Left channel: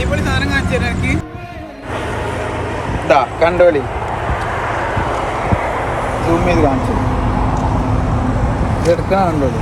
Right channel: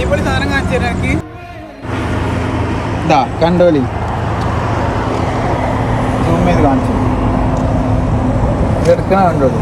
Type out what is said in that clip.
അടിപൊളി സാധനം കാണിച്ചു തരാം എനിക്ക്. ഇതാ കണ്ടോളി, സൂം ചെയ്ത് കാണിച്ചു. ഇതെടുക്കണ കണ്ടോളി.